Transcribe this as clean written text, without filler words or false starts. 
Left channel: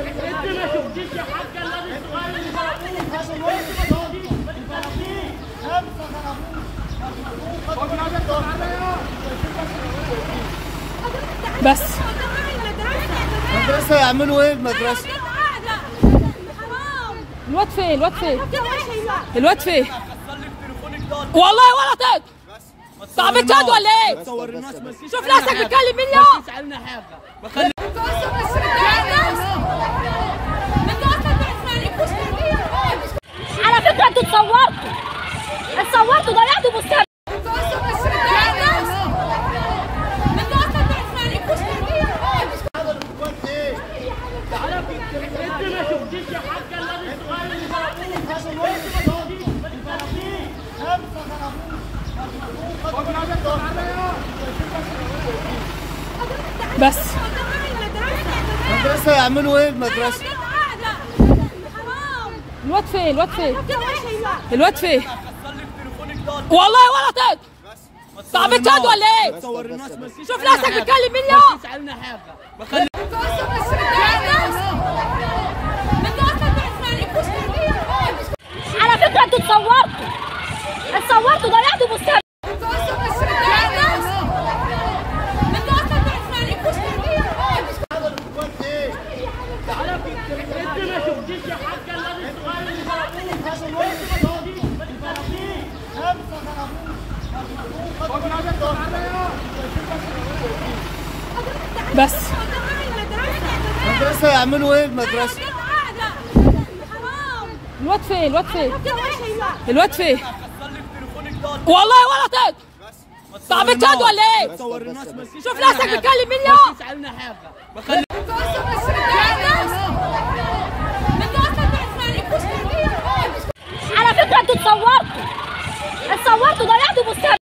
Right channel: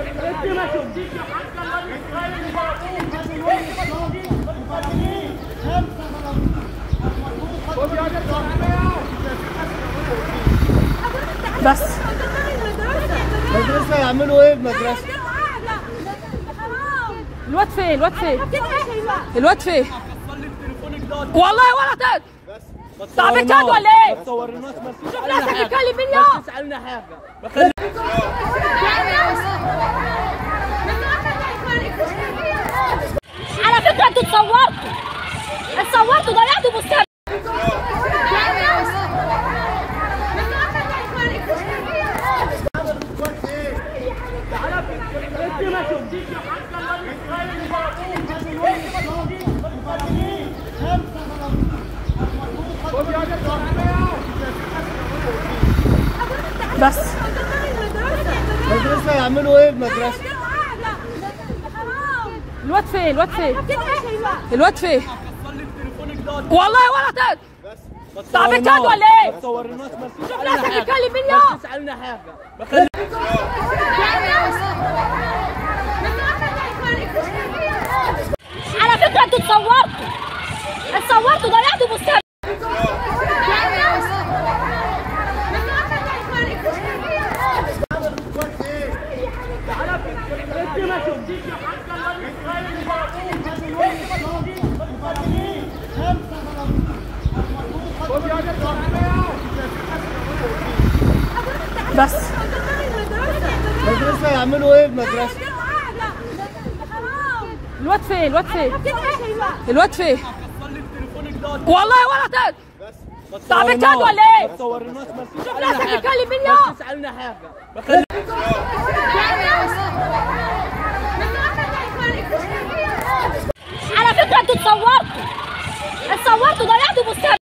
انت ما شفتيش يا حاجه الواد الصغير اللي ضربوه؟ انت ما شفتيش بس المدرسة يعملوا ايه بمدرسة؟ الواد فين؟ الواد فين؟ الواد فين؟ والله ولا تاني. صعب تاد ولا ايه؟ شوف نفسك بتكلم مين يا؟ تسألنا حاجة. على فكرة انتوا اتصورتوا ضيعتوا مستقبل. انت ما شفتيش يا حاجه الواد الصغير اللي ضربوه؟ انت ما شفتيش بس المدرسة يعملوا ايه بمدرسة؟ الواد فين؟ الواد فين؟ الواد فين؟ والله ولا تاني. صعب تاد ولا ايه؟ شوف نفسك بتكلم مين يا؟ تسألنا حاجة. على فكرة انتوا اتصورتوا ضيعتوا مستقبل. انت ما شفتيش يا حاجه الواد الصغير اللي ضربوه؟ انت ما شفتيش بس المدرسة يعملوا ايه بمدرسة؟ الواد فين؟ الواد فين؟ الواد فين؟ والله ولا تاني. صعب تاد ولا ايه؟ شوف نفسك بتكلم مين يا؟ تسألنا حاجة. على فكرة انتوا اتصورتوا ضيعتوا مستقبل.